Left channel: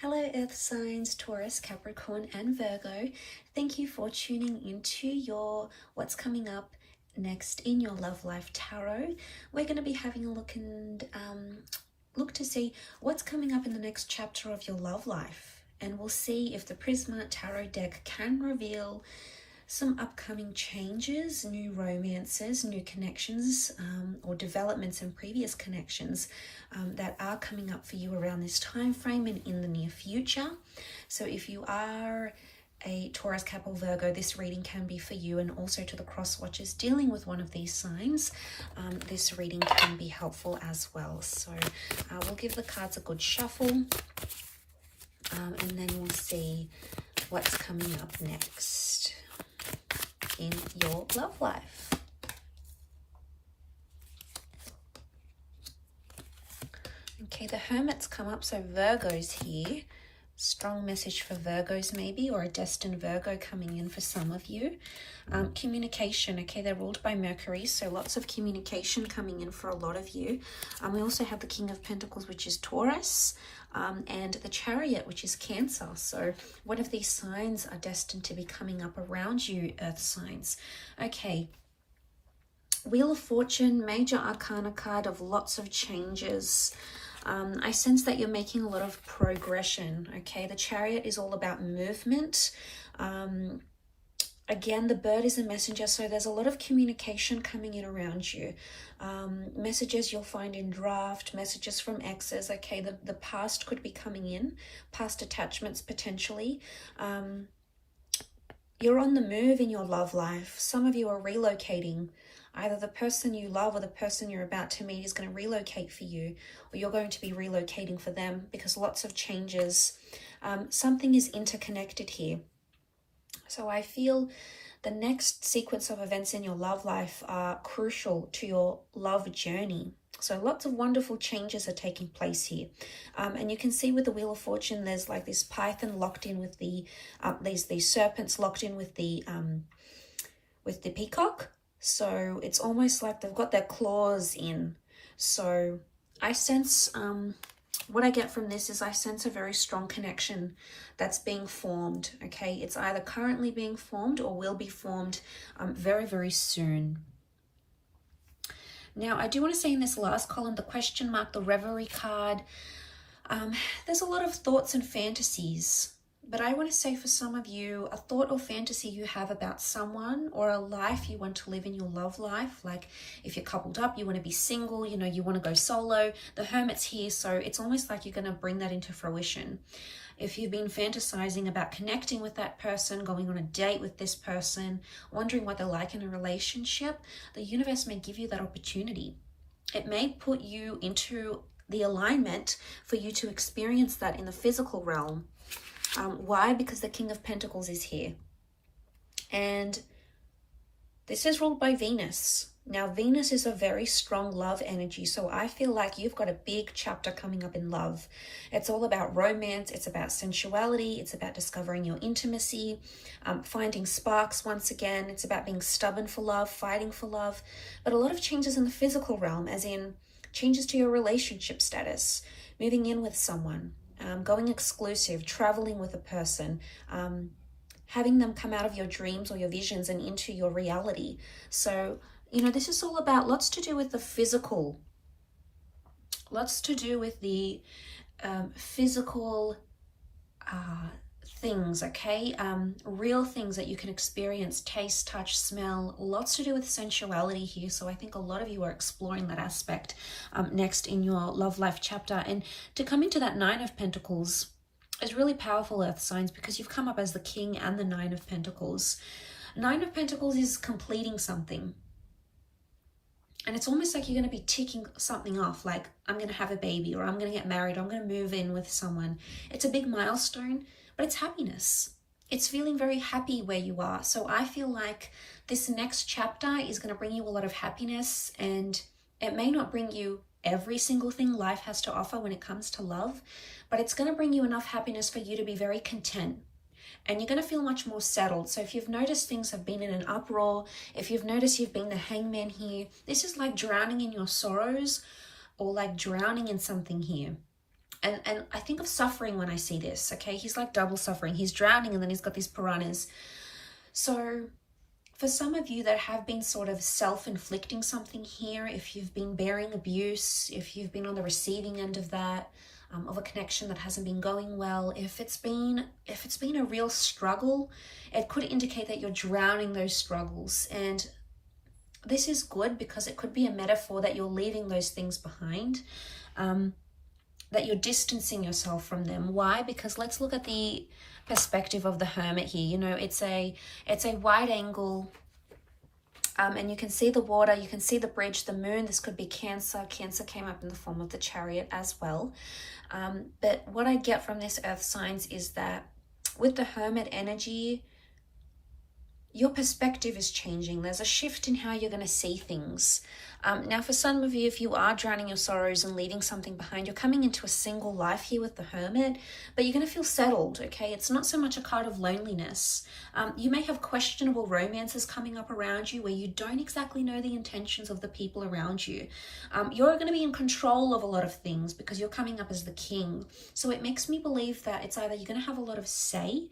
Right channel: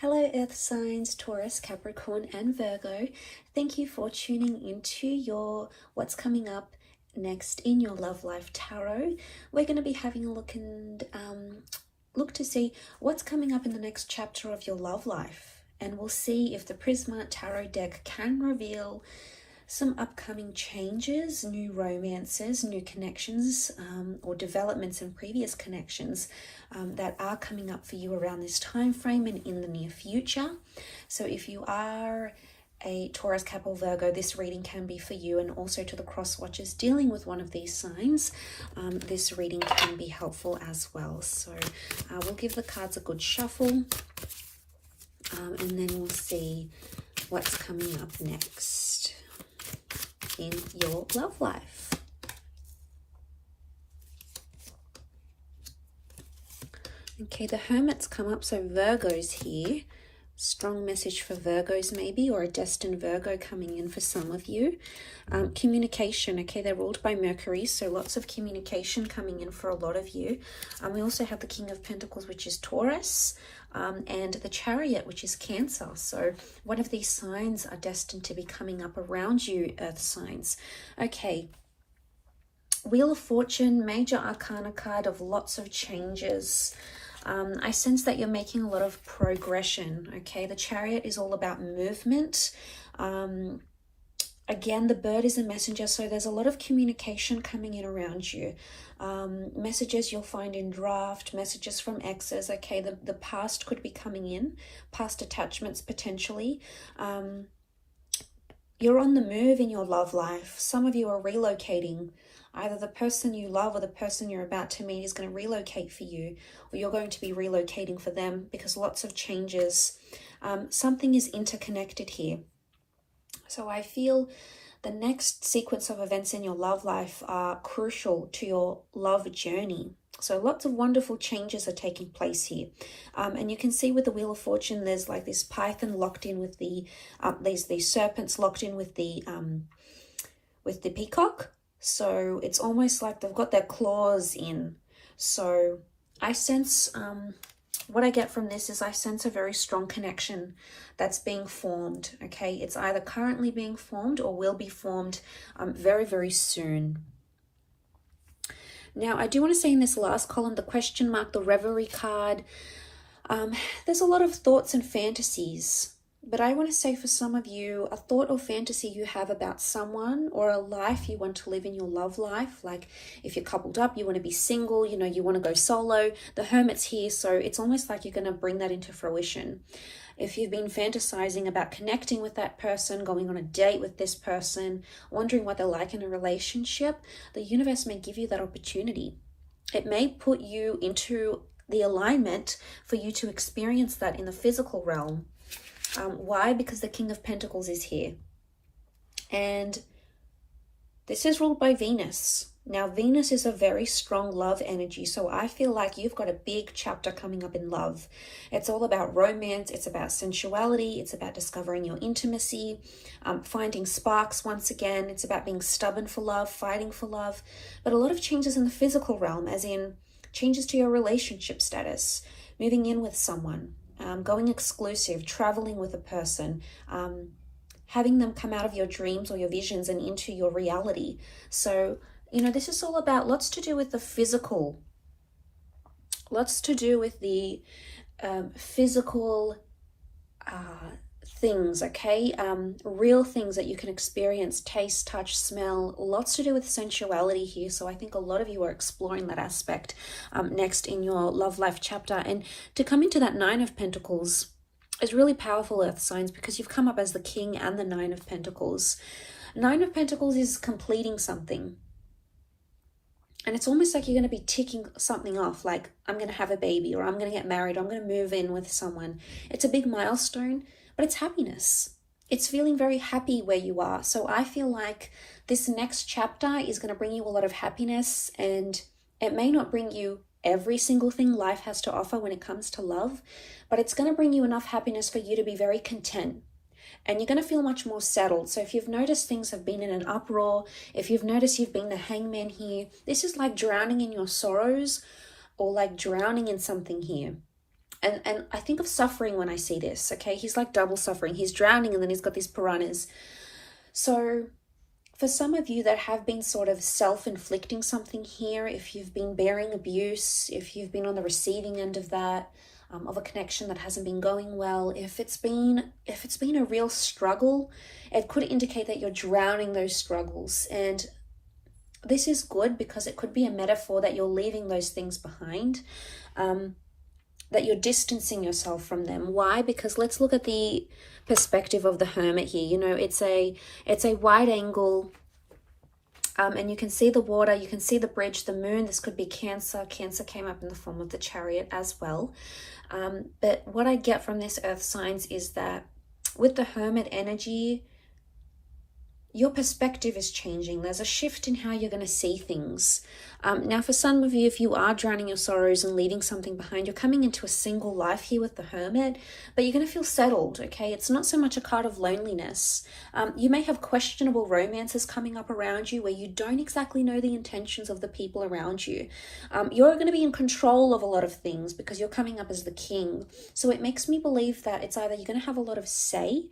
Hello Earth signs, Taurus, Capricorn and Virgo. Thank you for tuning into your what's coming up next in your love life tarot. We're going to be having a look and look to see what's coming up in the next chapter of your love life. And we'll see if the Prisma Tarot deck can reveal some upcoming changes, new romances, new connections, or developments in previous connections that are coming up for you around this time frame and in the near future. So if you are a Taurus, Cap or Virgo, this reading can be for you, and also to the cross watchers dealing with one of these signs, this reading can be helpful as well. So we'll give the cards a good shuffle, and then we'll see what's coming up next in your love life. Okay, the Hermit's come up, so Virgo's here. Strong message for Virgos maybe, or a destined Virgo coming in for some of you. Communication, okay, they're ruled by Mercury, so lots of communication coming in for a lot of you. We also have the King of Pentacles, which is Taurus, and the Chariot, which is Cancer. So one of these signs are destined to be coming up around you, Earth signs. Okay, Wheel of Fortune, major arcana card of lots of changes. I sense that you're making a lot of progression, okay? The Chariot is all about movement. Again, the bird is a messenger, so there's a lot of communication coming in around you. Messages you'll find in draft, messages from exes, okay? The past could be coming in, past attachments potentially. You're on the move in your love life. Some of you are relocating. Either the person you love or the person you're about to meet is going to relocate for you, or you're going to be relocating for them, because lots of changes. Something is interconnected here. So I feel the next sequence of events in your love life are crucial to your love journey. So lots of wonderful changes are taking place here. And you can see with the Wheel of Fortune, there's like this python locked in with the, these serpents locked in with the peacock. So it's almost like they've got their claws in. So I sense, what I get from this is I sense a very strong connection that's being formed, okay? It's either currently being formed or will be formed very, very soon. Now, I do want to say in this last column, the question mark, the Reverie card, there's a lot of thoughts and fantasies. But I want to say for some of you, a thought or fantasy you have about someone or a life you want to live in your love life. Like if you're coupled up, you want to be single, you know, you want to go solo. The Hermit's here, so it's almost like you're going to bring that into fruition. If you've been fantasizing about connecting with that person, going on a date with this person, wondering what they're like in a relationship, the universe may give you that opportunity. It may put you into the alignment for you to experience that in the physical realm. Why? Because the King of Pentacles is here. And this is ruled by Venus. Now, Venus is a very strong love energy. So I feel like you've got a big chapter coming up in love. It's all about romance. It's about sensuality. It's about discovering your intimacy, finding sparks once again. It's about being stubborn for love, fighting for love. But a lot of changes in the physical realm, as in changes to your relationship status, moving in with someone. Going exclusive, traveling with a person, having them come out of your dreams or your visions and into your reality. So, you know, this is all about lots to do with the physical, lots to do with the physical things, okay? Real things that you can experience, taste, touch, smell, lots to do with sensuality here. So I think a lot of you are exploring that aspect next in your love life chapter. And to come into that Nine of Pentacles is really powerful, Earth signs, because you've come up as the King and the Nine of Pentacles. Nine of Pentacles is completing something. And it's almost like you're going to be ticking something off, like I'm going to have a baby, or I'm going to get married, or I'm going to move in with someone. It's a big milestone. But it's happiness. It's feeling very happy where you are. So I feel like this next chapter is going to bring you a lot of happiness, and it may not bring you every single thing life has to offer when it comes to love, but it's going to bring you enough happiness for you to be very content. And you're going to feel much more settled. So if you've noticed things have been in an uproar, if you've noticed you've been the hangman here, this is like drowning in your sorrows or like drowning in something here. And I think of suffering when I see this, okay? He's like double suffering. He's drowning and then he's got these piranhas. So for some of you that have been sort of self-inflicting something here, if you've been bearing abuse, if you've been on the receiving end of that, of a connection that hasn't been going well, if it's been a real struggle, it could indicate that you're drowning those struggles. And this is good because it could be a metaphor that you're leaving those things behind, that you're distancing yourself from them. Why? Because let's look at the perspective of the Hermit here. You know, it's a wide angle, and you can see the water, you can see the bridge, the moon. This could be Cancer. Cancer came up in the form of the Chariot as well. But what I get from this earth signs is that with the Hermit energy, your perspective is changing. There's a shift in how you're going to see things. Now, for some of you, if you are drowning your sorrows and leaving something behind, you're coming into a single life here with the Hermit, but you're going to feel settled, okay? It's not so much a card of loneliness. You may have questionable romances coming up around you where you don't exactly know the intentions of the people around you. You're going to be in control of a lot of things because you're coming up as the king. So it makes me believe that it's either you're going to have a lot of say,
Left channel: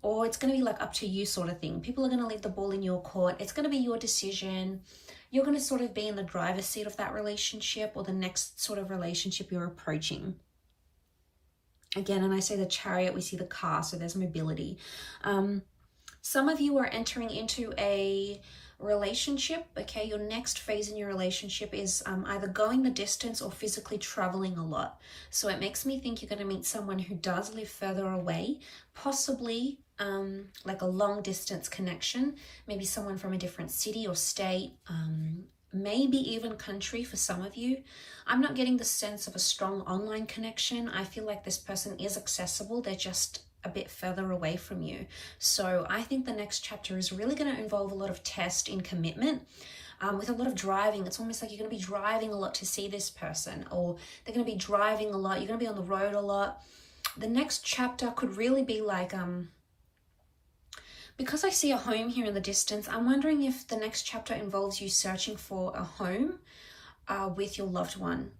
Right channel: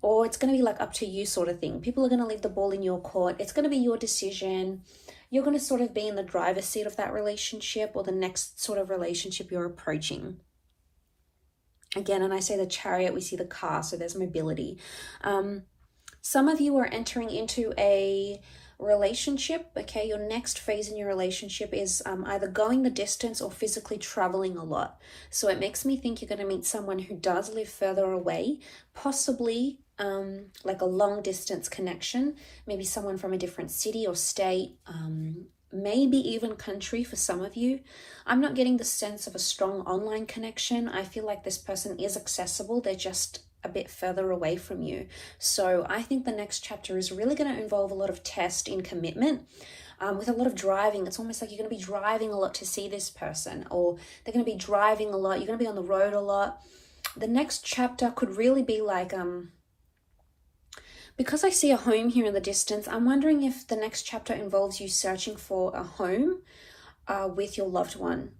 or it's going to be like up to you sort of thing. People are going to leave the ball in your court. It's going to be your decision. You're going to sort of be in the driver's seat of that relationship or the next sort of relationship you're approaching. Again, and I say the Chariot, we see the car, so there's mobility. Some of you are entering into a relationship, okay? Your next phase in your relationship is either going the distance or physically traveling a lot. So it makes me think you're going to meet someone who does live further away, possibly like a long distance connection, maybe someone from a different city or state, maybe even country for some of you. I'm not getting the sense of a strong online connection. I feel like this person is accessible. They're just a bit further away from you. So I think the next chapter is really going to involve a lot of test in commitment, with a lot of driving. It's almost like you're going to be driving a lot to see this person, or they're going to be driving a lot. You're going to be on the road a lot. The next chapter could really be like, because I see a home here in the distance, I'm wondering if the next chapter involves you searching for a home with your loved one,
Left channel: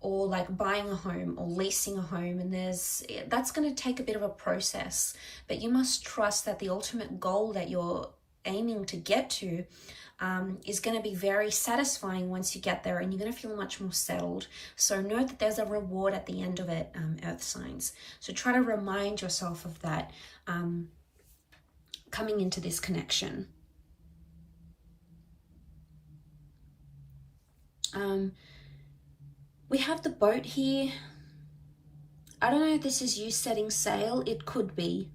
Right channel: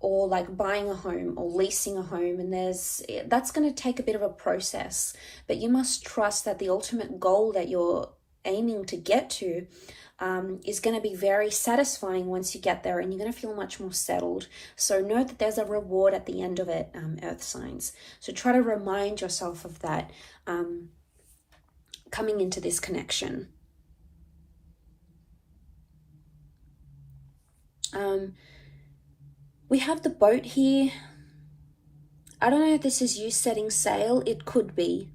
or like buying a home or leasing a home. And that's going to take a bit of a process, but you must trust that the ultimate goal that you're aiming to get to is going to be very satisfying once you get there, and you're going to feel much more settled. So know that there's a reward at the end of it, earth signs. So try to remind yourself of that coming into this connection. We have the boat here. I don't know if this is you setting sail. It could be.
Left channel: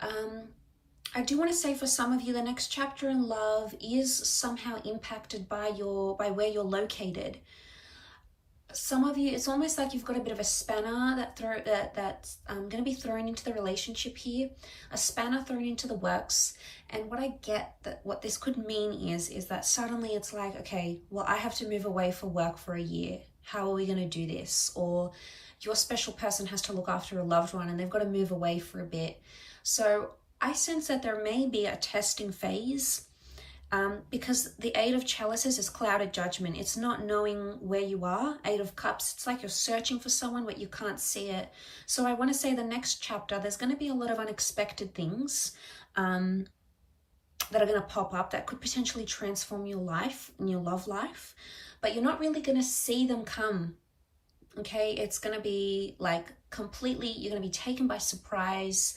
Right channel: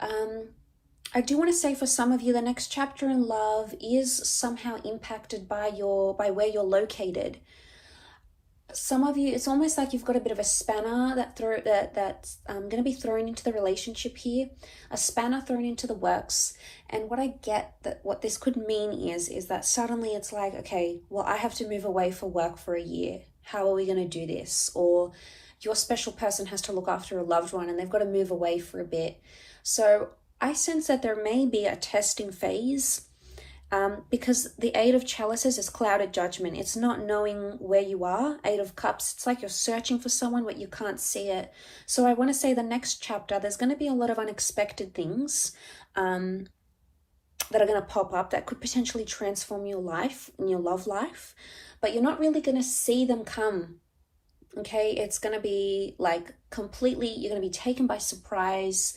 I do want to say for some of you, the next chapter in love is somehow impacted by where you're located. Some of you, it's almost like you've got a bit of a spanner that's going to be thrown into the relationship here, a spanner thrown into the works. And what I get that what this could mean is that suddenly it's like, okay, well, I have to move away for work for a year. How are we going to do this? Or your special person has to look after a loved one and they've got to move away for a bit. So I sense that there may be a testing phase, because the Eight of Chalices is clouded judgment. It's not knowing where you are. Eight of Cups, it's like you're searching for someone but you can't see it. So I want to say the next chapter, there's going to be a lot of unexpected things that are going to pop up that could potentially transform your life and your love life, but you're not really going to see them come. Okay, it's going to be like completely, you're going to be taken by surprise.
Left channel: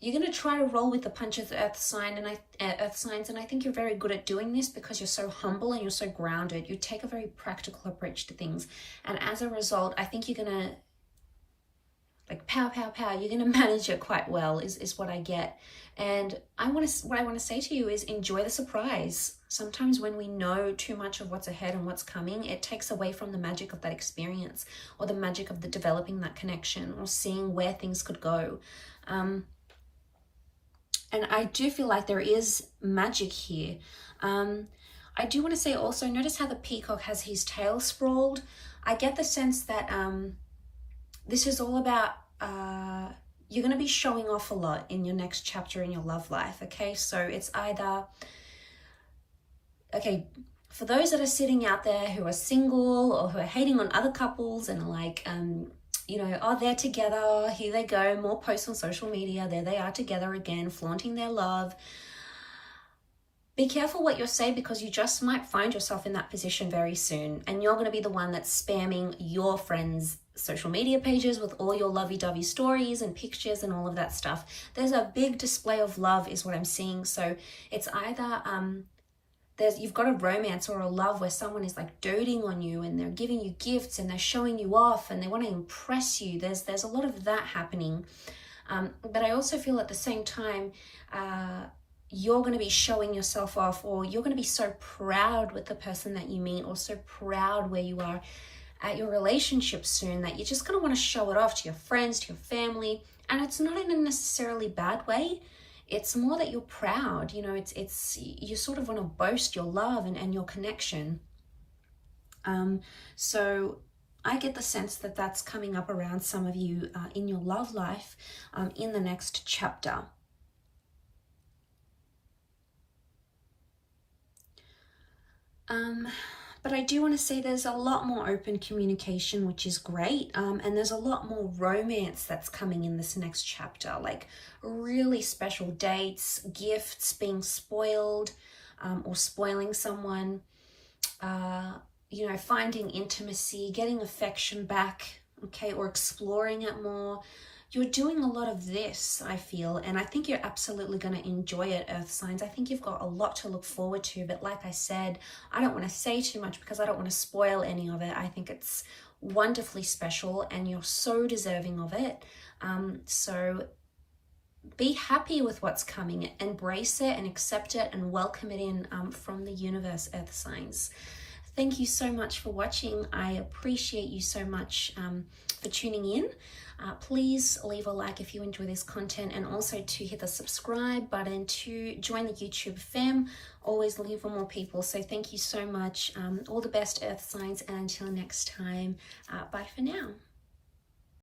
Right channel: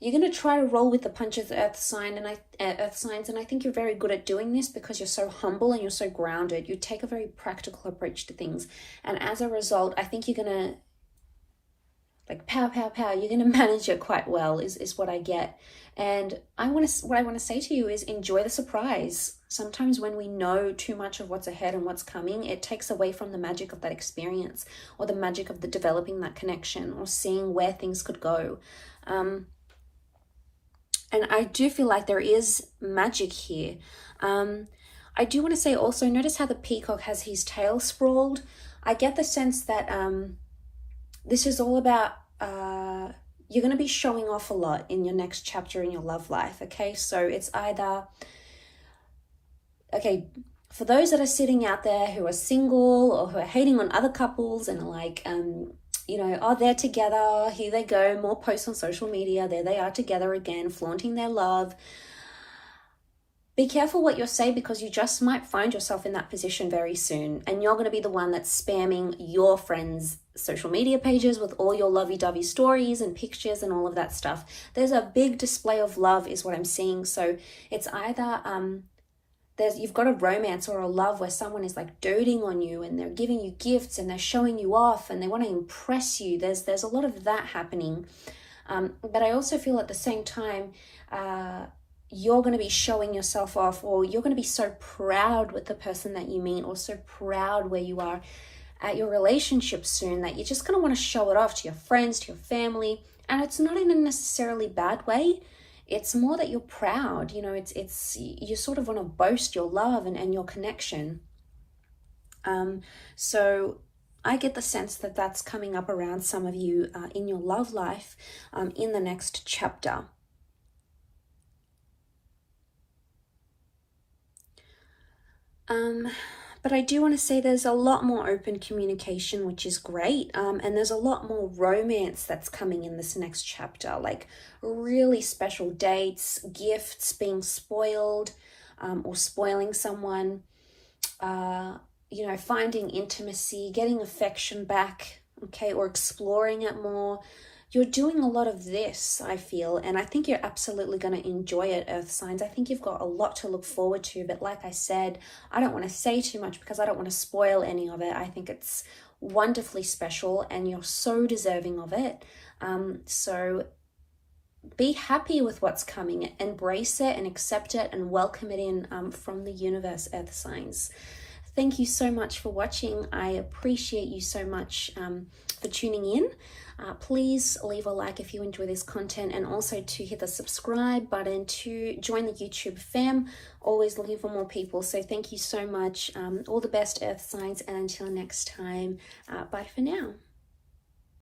You're going to try to roll with the punches, earth signs, and I think you're very good at doing this because you're so humble and you're so grounded. You take a very practical approach to things, and as a result, I think you're going to like pow, pow, pow. You're going to manage it quite well, is what I get. And what I want to say to you is enjoy the surprise. Sometimes when we know too much of what's ahead and what's coming, it takes away from the magic of that experience, or the magic of the developing that connection, or seeing where things could go. And I do feel like there is magic here. I do want to say also, notice how the peacock has his tail sprawled. I get the sense that this is all about, you're going to be showing off a lot in your next chapter in your love life, okay? So it's either, okay, For those that are sitting out there who are single or who are hating on other couples and are like, you know, oh, they're together, here they go, more posts on social media, there they are together again, flaunting their love. Be careful what you say, because you just might find yourself in that position very soon, and you're going to be the one that's spamming your friends' social media pages with all your lovey-dovey stories and pictures and all of that stuff. There's a big display of love is what I'm seeing. So it's either you've got a romance or a love where someone is like doting on you and they're giving you gifts and they're showing you off and they want to impress you. There's a lot of that happening. But I also feel at the same time, you're going to be showing yourself off, or you're going to be so proud with the person that you meet, or so proud where you are at your relationship soon, that you're just going to want to show it off to your friends, to your family. And it's not in a necessarily bad way. It's more that you're proud, you know, it's you sort of want to boast your love and your connection. So I get the sense that that's coming up around some of you in your love life in the next chapter. But I do want to say there's a lot more open communication, which is great. And there's a lot more romance that's coming in this next chapter, like really special dates, gifts, being spoiled, or spoiling someone, you know, finding intimacy, getting affection back, okay, or exploring it more. You're doing a lot of this, I feel, and I think you're absolutely going to enjoy it, Earth signs. I think you've got a lot to look forward to, but like I said, I don't want to say too much because I don't want to spoil any of it. I think it's wonderfully special and you're so deserving of it. So be happy with what's coming, embrace it and accept it and welcome it in from the universe, Earth signs. Thank you so much for watching. I appreciate you so much for tuning in. Please leave a like if you enjoy this content, and also to hit the subscribe button to join the YouTube fam. Always looking for more people. So thank you so much. All the best, Earth signs, and until next time, bye for now.